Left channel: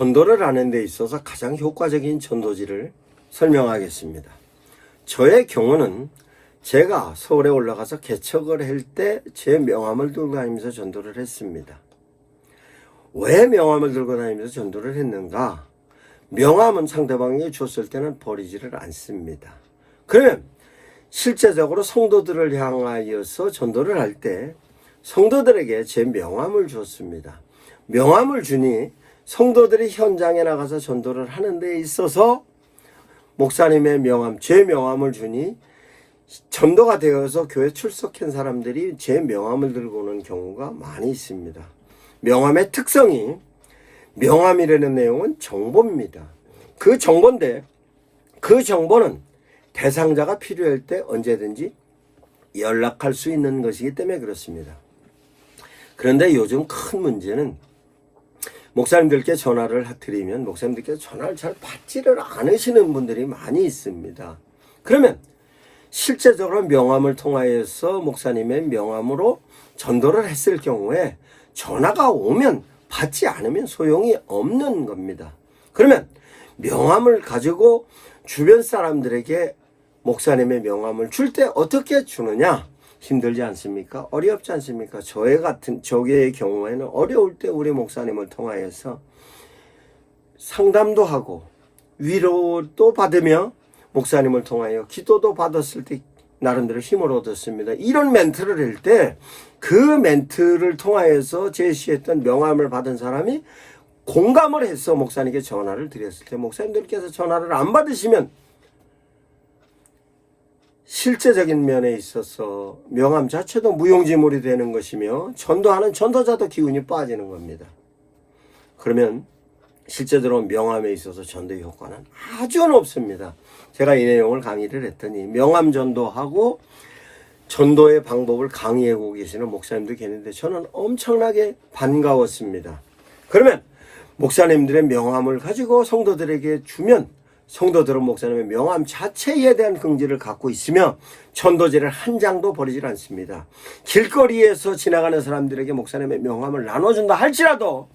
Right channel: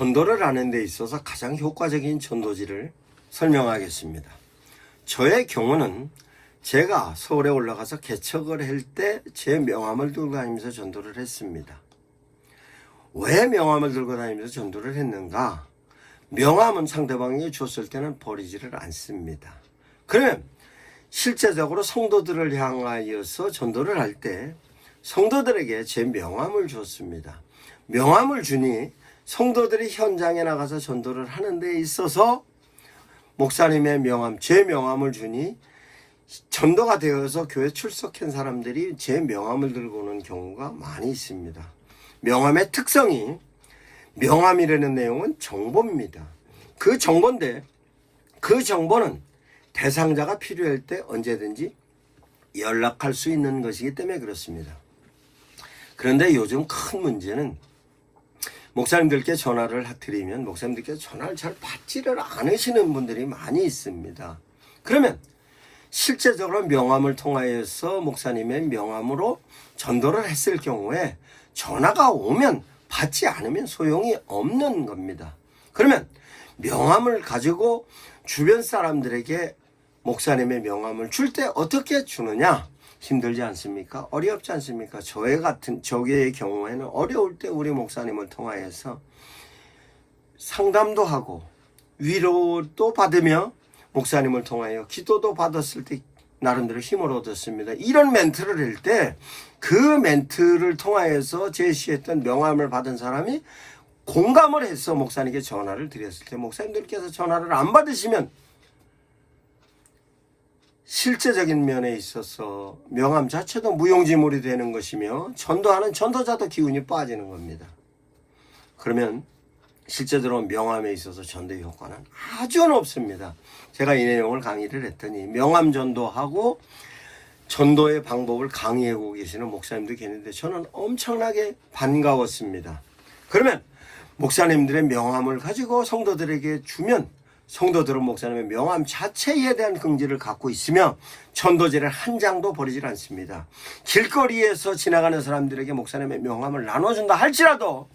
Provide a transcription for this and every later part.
전도를 하는 데 있어서 가장 효과적인 전도지를 설명하겠습니다. 저의 경우는 제가 서울에 올라가서 개척을 할 때 제 명함을 들고 다니면서 전도를 했습니다. 왜 명함을 들고 다니면서 전도를 했는가? 명함은 상대방이 줬을 때는 버리지를 않습니다. 그러면 실제적으로 성도들을 향하여서 전도를 할 때 성도들에게 제 명함을 줬습니다. 명함을 주니 성도들이 현장에 나가서 전도를 하는 데 있어서 목사님의 명함, 제 명함을 주니 전도가 되어서 교회 출석한 사람들이 제 명함을 들고 오는 경우가 많이 있습니다. 명함의 특성이, 명함이라는 내용은 정보입니다. 그 정보인데 그 정보는 대상자가 필요할 때 언제든지 연락할 수 있는 것이기 때문에 그렇습니다. 그런데 요즘 큰 문제는 목사님들께 전화를 드리면 목사님들께서 전화를 잘 받지를 않으시는 분들이 많이 있습니다. 그러면 실제적으로 명함을 통하여서 목사님의 명함으로 전도를 했을 경우에 전화가 오면 받지 않으면 소용이 없는 겁니다. 그러면 명함을 가지고 주변 사람들에게 목사님의 명함을 줄 때 어떻게 주느냐? 힘들지 않습니까? 어렵지 않습니까? 저의 경우에는 어려울 때 우리 목사님을 통하여서 상담도 하고 위로도 받으며 목사님을 통하여 기도도 받았을 때 나름대로 힘을 얻었습니다. 이런 멘트를 할 때 그 멘트를 통하여서 제시했던 명함을 받은 사람이 공감을 해서 목사님께 전화를 드렸을 때 목사님들께서 전화를 안 받으시면 실제적인 면에 있어서 명함 자체도 무용지물이 되는 것이며 전도하는 전도자도 기운이 빠지는 겁니다. 그러면 실제적으로 명함에 있어서 전도의 효과는 아주 높습니다. 제가 이 내용을 강의를 했더니 명함 전도하고 전도의 방법을 강의하고 계시는 목사님도 계는데 저는 엄청나게 반가웠습니다. 그러면 목사님들의 명함을 가지고 성도들에게 주면 성도들은 목사님의 명함 자체에 대한 긍지를 갖고 있으며 전도지를 한 장도 버리질 않습니다. 길거리에서 지나가는 사람들에게 목사님의 명함을 나눠준다 할지라도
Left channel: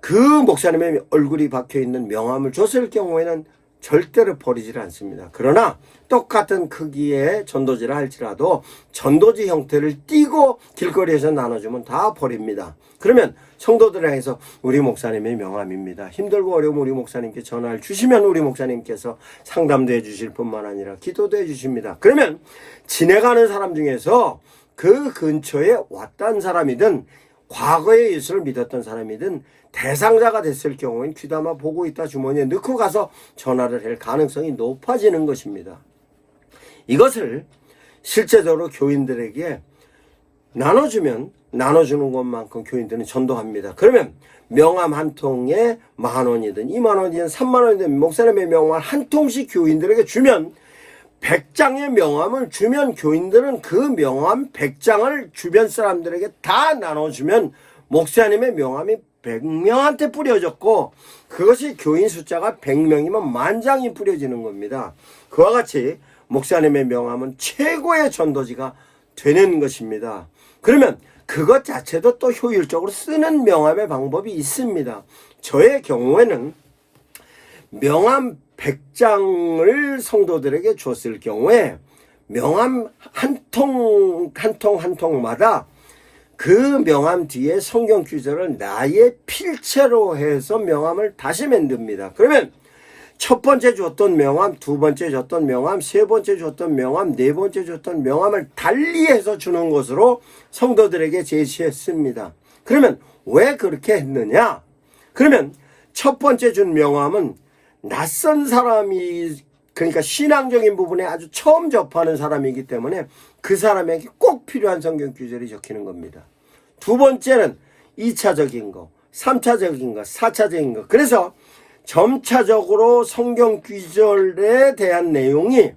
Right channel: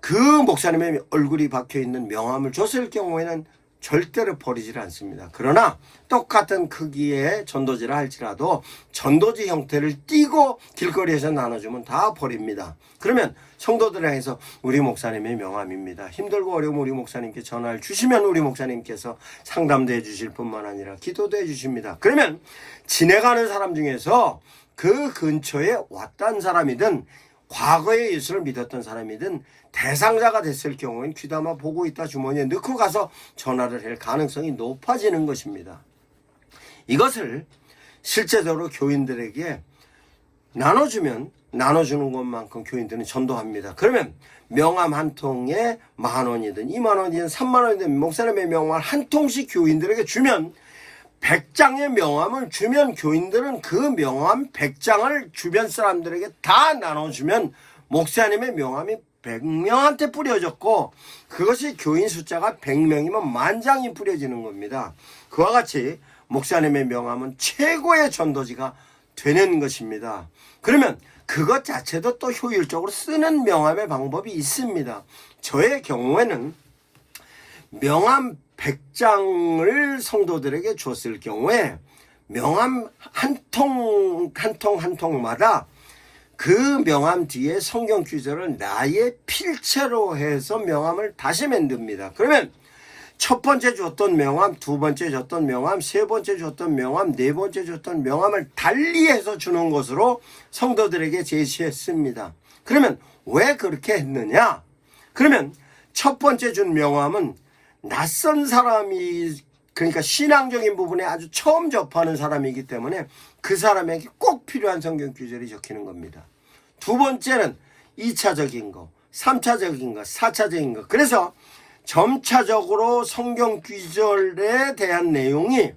그 목사님의 얼굴이 박혀있는 명함을 줬을 경우에는 절대로 버리질 않습니다. 그러나 똑같은 크기의 전도지라 할지라도 전도지 형태를 띄고 길거리에서 나눠주면 다 버립니다. 그러면 성도들을 향해서 우리 목사님의 명함입니다. 힘들고 어려우면 우리 목사님께 전화를 주시면 우리 목사님께서 상담도 해주실 뿐만 아니라 기도도 해주십니다. 그러면 지나가는 사람 중에서 그 근처에 왔던 사람이든 과거에 예수를 믿었던 사람이든 대상자가 됐을 경우엔 귀담아 보고 있다 주머니에 넣고 가서 전화를 할 가능성이 높아지는 것입니다. 이것을 실제적으로 교인들에게 나눠주면 나눠주는 것만큼 교인들은 전도합니다. 그러면 명함 한 통에 10,000원이든 20,000원이든 30,000원이든 목사님의 명함 한 통씩 교인들에게 주면 100장의 명함을 주면 교인들은 그 명함 100장을 주변 사람들에게 다 나눠주면 목사님의 명함이 100명한테 뿌려졌고 그것이 교인 숫자가 100명이면 10,000장이 뿌려지는 겁니다. 그와 같이 목사님의 명함은 최고의 전도지가 되는 것입니다. 그러면 그것 자체도 또 효율적으로 쓰는 명함의 방법이 있습니다. 저의 경우에는 명함 100장을 성도들에게 줬을 경우에 명함 한 통마다 그 명함 뒤에 성경 구절을 나의 필체로 해서 명함을 다시 만듭니다. 그러면 첫 번째 줬던 명함, 두 번째 줬던 명함, 세 번째 줬던 명함, 네 번째 줬던 명함을 달리해서 주는 것으로 성도들에게 제시했습니다. 그러면 왜 그렇게 했느냐? 그러면 첫 번째 준 명함은 낯선 사람이, 그러니까 신앙적인 부분에 아주 처음 접하는 사람이기 때문에 그 사람에게 꼭 필요한 성경 구절이 적히는 겁니다. 두 번째는 2차적인 거, 3차적인 거, 4차적인 거. 그래서 점차적으로 성경 구절에 대한 내용이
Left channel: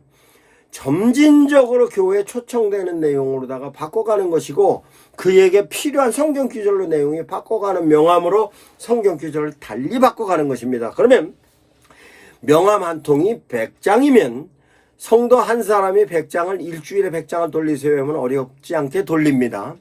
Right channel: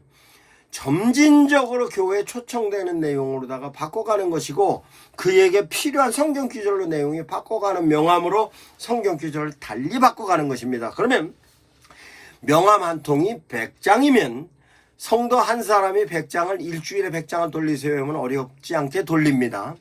점진적으로 교회에 초청되는 내용으로다가 바꿔가는 것이고 그에게 필요한 성경 구절로 내용이 바꿔가는 명함으로 성경 구절을 달리 바꿔가는 것입니다. 그러면 명함 한 통이 100장이면 성도 한 사람이 100장을 일주일에 100장을 돌리세요 하면 어렵지 않게 돌립니다.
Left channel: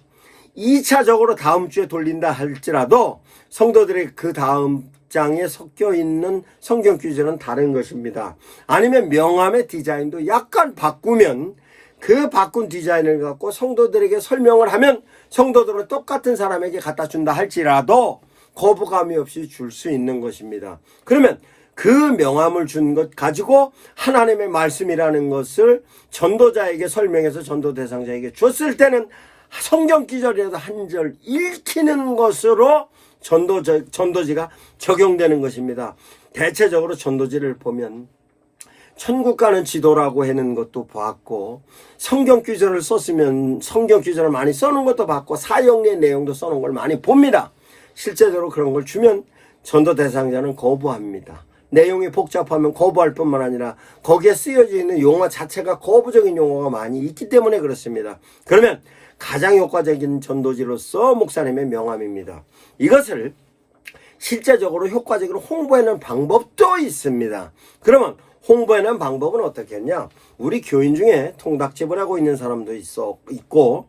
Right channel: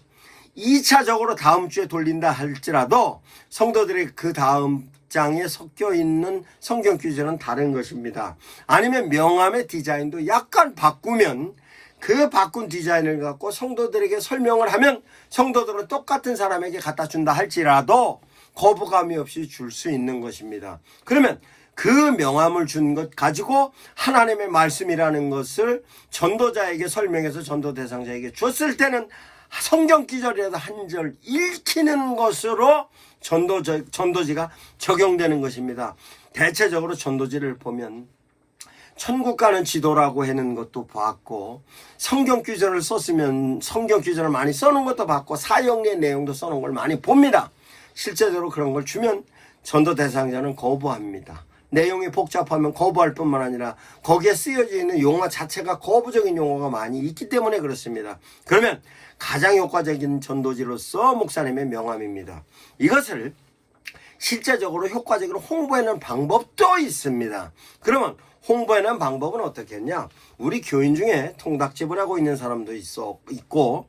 2차적으로 다음 주에 돌린다 할지라도 성도들이 그 다음 장에 섞여 있는 성경 규절은 다른 것입니다. 아니면 명함의 디자인도 약간 바꾸면 그 바꾼 디자인을 갖고 성도들에게 설명을 하면 성도들은 똑같은 사람에게 갖다 준다 할지라도 거부감이 없이 줄 수 있는 것입니다. 그러면 그 명함을 준 것 가지고 하나님의 말씀이라는 것을 전도자에게 설명해서 전도 대상자에게 줬을 때는 성경 기절이라도 한 절 읽히는 것으로 전도지가 적용되는 것입니다. 대체적으로 전도지를 보면 천국 가는 지도라고 하는 것도 봤고, 성경 규절을 썼으면 성경 규절을 많이 써놓은 것도 봤고, 사형리의 내용도 써놓은 걸 많이 봅니다. 실제적으로 그런 걸 주면 전도 대상자는 거부합니다. 내용이 복잡하면 거부할 뿐만 아니라 거기에 쓰여져 있는 용어 자체가 거부적인 용어가 많이 있기 때문에 그렇습니다. 그러면 가장 효과적인 전도지로서 목사님의 명함입니다. 이것을 실제적으로 효과적으로 홍보하는 방법도 있습니다. 그러면 홍보하는 방법은 어떻게 했냐? 우리 교인 중에 통닭집을 하고 있는 사람도 있고,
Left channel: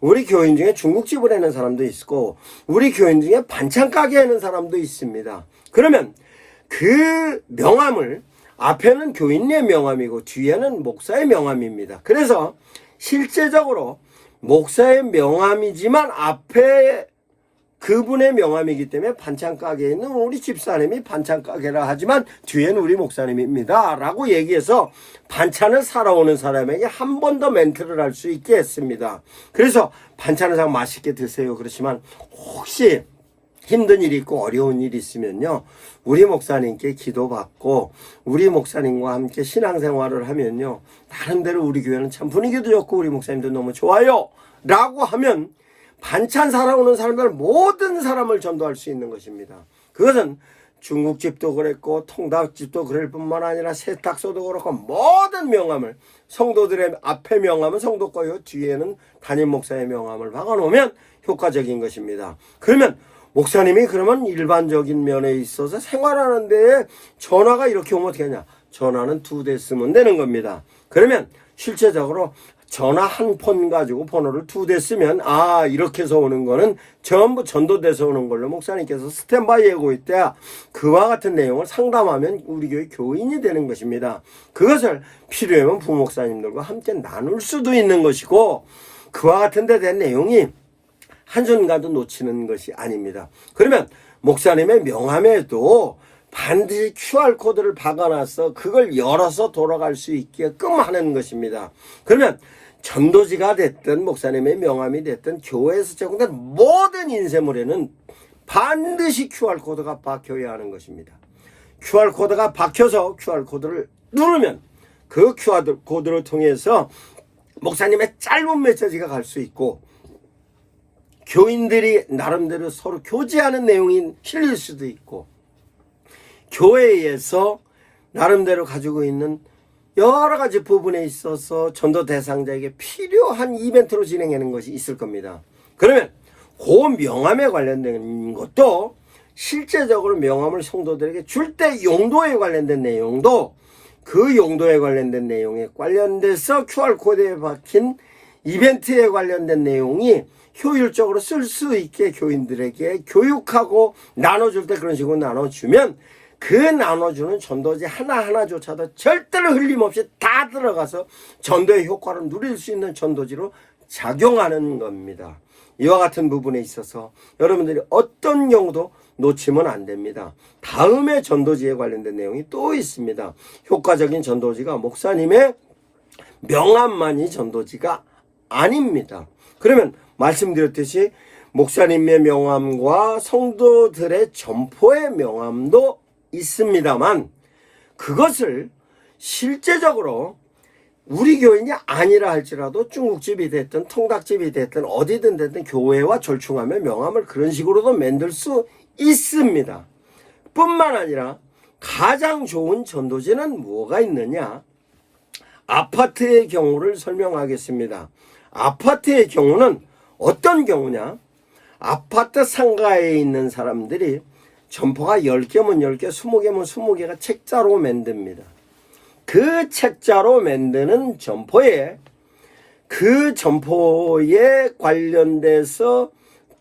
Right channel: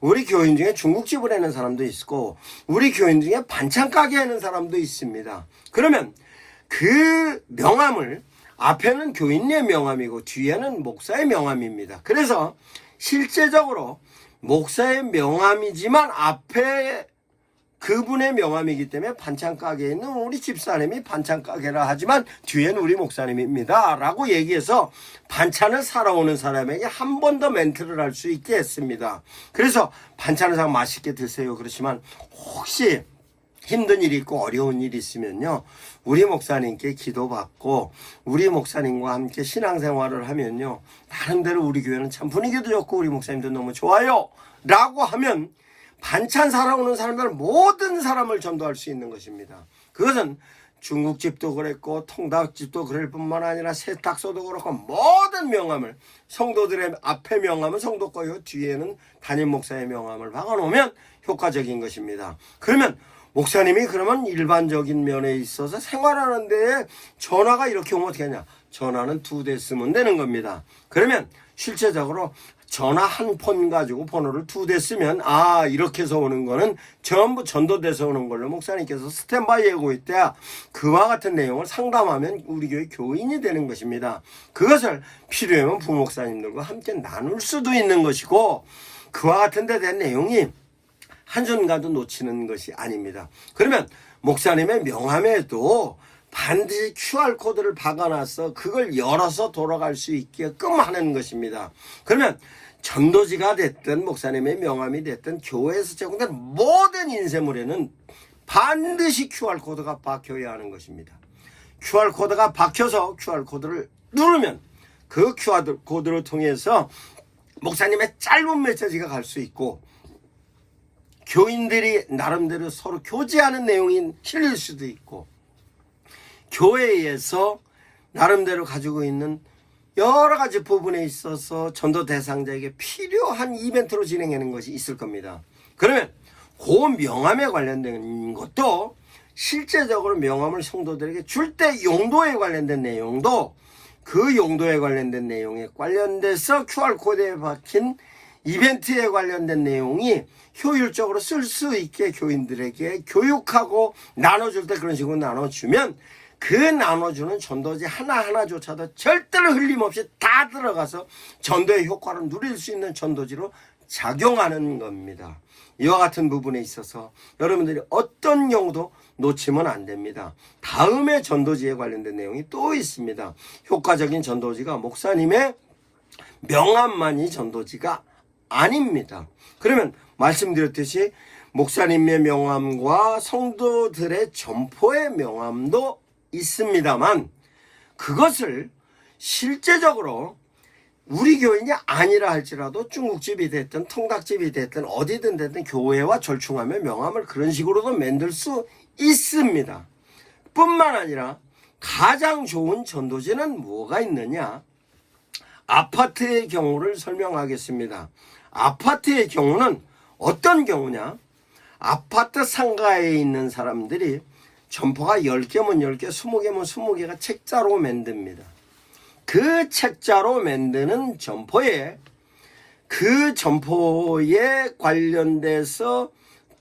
우리 교인 중에 중국집을 하는 사람도 있고, 우리 교인 중에 반찬 가게 하는 사람도 있습니다. 그러면 그 명함을 앞에는 교인의 명함이고 뒤에는 목사의 명함입니다. 그래서 실제적으로 목사의 명함이지만 앞에 그분의 명함이기 때문에 반찬 가게에 있는 우리 집사님이 반찬 가게라 하지만 뒤에는 우리 목사님입니다 라고 얘기해서 반찬을 사러 오는 사람에게 한 번 더 멘트를 할 수 있게 했습니다. 그래서 반찬을 사고 맛있게 드세요. 그렇지만 혹시 힘든 일이 있고 어려운 일이 있으면요, 우리 목사님께 기도받고 우리 목사님과 함께 신앙생활을 하면요, 나름대로 우리 교회는 참 분위기도 좋고 우리 목사님도 너무 좋아요 라고 하면 반찬 사러 오는 사람들 모든 사람을 전도할 수 있는 것입니다. 그것은 중국집도 그랬고 통닭집도 그럴 뿐만 아니라 세탁소도 그렇고 모든 명함을, 성도들의 앞에 명함은 성도 거요, 뒤에는 담임 목사의 명함을 박아놓으면 효과적인 것입니다. 그러면 목사님이 그러면 일반적인 면에 있어서 생활하는 데에 전화가 이렇게 오면 어떻게 하냐? 전화는 2대 쓰면 되는 겁니다. 그러면 실제적으로 전화 한 폰 가지고 번호를 2대 쓰면 이렇게 해서 오는 거는 전부 전도돼서 오는 걸로 목사님께서 스탠바이 하고 있대야 그와 같은 내용을 상담하면 우리 교회 교인이 되는 것입니다. 그것을 필요하면 부목사님들과 함께 나눌 수도 있는 것이고, 그와 같은 데 대한 내용이 한순간도 놓치는 것이 아닙니다. 그러면 목사님의 명함에도 반드시 QR코드를 박아놔서 그걸 열어서 돌아갈 수 있게끔 하는 것입니다. 그러면 전도지가 됐든 목사님의 명함이 됐든 교회에서 제공된 모든 인쇄물에는 반드시 QR코드가 박혀야 하는 것입니다. QR코드가 박혀서 QR코드를 누르면 그 QR코드를 통해서 목사님의 짧은 메시지가 갈 수 있고, 교인들이 나름대로 서로 교제하는 내용이 실릴 수도 있고, 교회에서 나름대로 가지고 있는 여러 가지 부분에 있어서 전도 대상자에게 필요한 이벤트로 진행하는 것이 있을 겁니다. 그러면 그 명함에 관련된 것도 실제적으로 명함을 성도들에게 줄 때 용도에 관련된 내용도 그 용도에 관련된 내용에 관련돼서 QR코드에 박힌 이벤트에 관련된 내용이 효율적으로 쓸 수 있게 교인들에게 교육하고 나눠줄 때 그런 식으로 나눠주면 그 나눠주는 전도지 하나하나조차도 절대로 흘림없이 다 들어가서 전도의 효과를 누릴 수 있는 전도지로 작용하는 겁니다. 이와 같은 부분에 있어서 여러분들이 어떤 경우도 놓치면 안 됩니다. 다음에 전도지에 관련된 내용이 또 있습니다. 효과적인 전도지가 목사님의 명함만이 전도지가 아닙니다. 그러면 말씀드렸듯이 목사님의 명함과 성도들의 점포의 명함도 있습니다만, 그것을 실제적으로 우리 교인이 아니라 할지라도 중국집이 됐든 통닭집이 됐든 어디든 됐든 교회와 절충하며 명함을 그런 식으로도 만들 수 있습니다. 뿐만 아니라 가장 좋은 전도지는 뭐가 있느냐? 아파트의 경우를 설명하겠습니다. 아파트의 경우는 어떤 경우냐? 아파트 상가에 있는 사람들이 점포가 10개면 10개, 20개면 20개가 책자로 만듭니다. 그 책자로 만드는 점포에, 그 점포에 관련돼서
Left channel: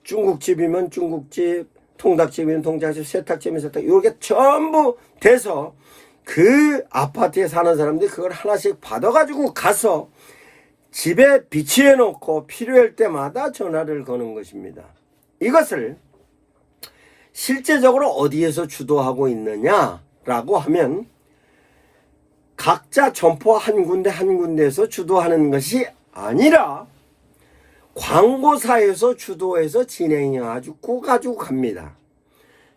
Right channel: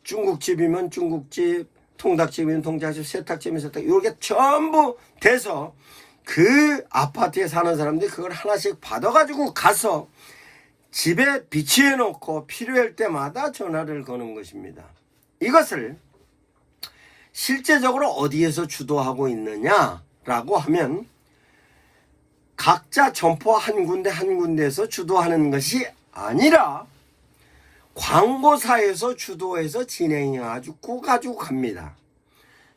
중국집이면 중국집, 통닭집이면 통닭집, 세탁집이면 세탁, 이게 전부 돼서 그 아파트에 사는 사람들이 그걸 하나씩 받아가지고 가서 집에 비치해 놓고 필요할 때마다 전화를 거는 것입니다. 이것을 실제적으로 어디에서 주도하고 있느냐라고 하면 각자 점포 한 군데에서 주도하는 것이 아니라 광고사에서 주도해서 진행해가지고 갑니다.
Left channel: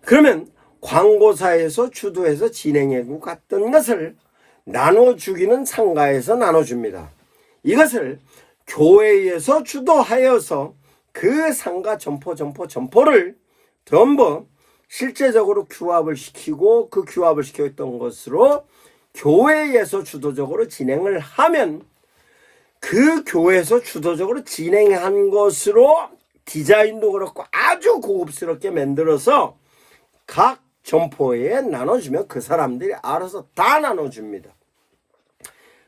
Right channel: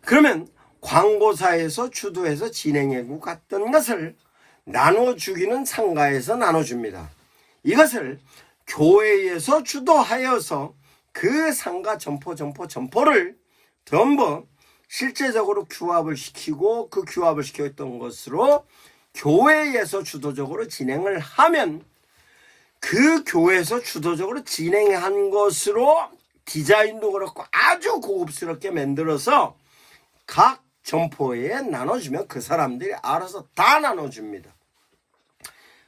그러면 광고사에서 주도해서 진행하고 갔던 것을 나눠주기는 상가에서 나눠줍니다. 이것을 교회에서 주도하여서 그 상가 점포를 전부 실제적으로 규합을 시키고 그 규합을 시켰던 것으로 교회에서 주도적으로 진행을 하면 그 교회에서 주도적으로 진행한 것으로 디자인도 그렇고 아주 고급스럽게 만들어서 각 점포에 나눠주면 그 사람들이 알아서 다 나눠줍니다.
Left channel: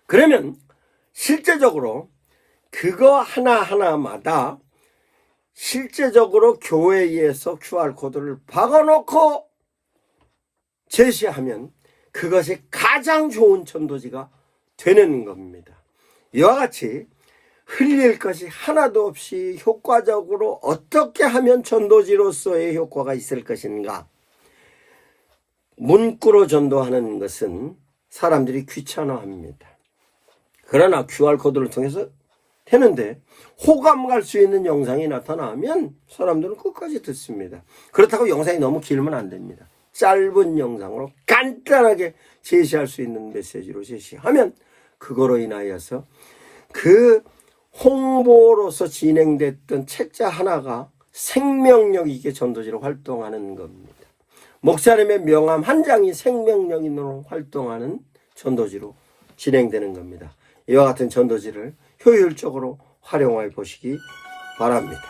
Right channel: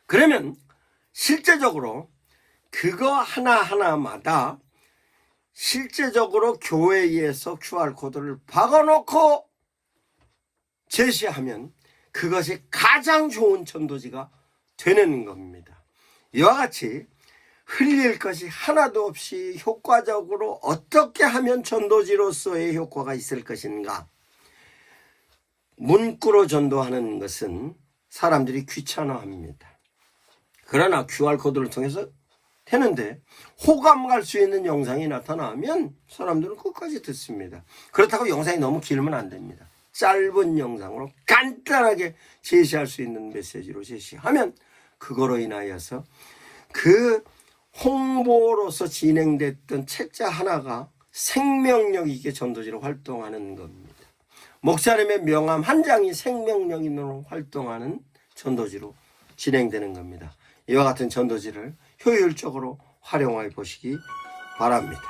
그러면 실제적으로 그거 하나하나마다 실제적으로 교회에서 QR코드를 박아놓고 제시하면 그것이 가장 좋은 전도지가 되는 겁니다. 이와 같이 흘릴 것이 하나도 없이 효과적으로 어떻게 하면 전도지로서의 효과가 있을 것인가. 문구로 전도하는 것은 사람들이 귀찮아합니다. 그러나 QR코드를 통해서 되는데 호감 갈 수 있는 영상이 나타나면 사람들은 끝까지 듣습니다. 그렇다고 영상이 너무 길면 안 됩니다. 짧은 영상으로 간단하게 제시할 수 있는 메시지로 제시하면 그거로 인하여서 그 홍보로서 진행됐던 책자 하나가 생명력 있게 전도지로 활동하는 겁니다. 목사님의 명함 한 장이 생명력으로 활동하는 전도지로 진행되는 겁니다. 이와 같은 전도지를 효율적으로 활용해 보시기 바랍니다.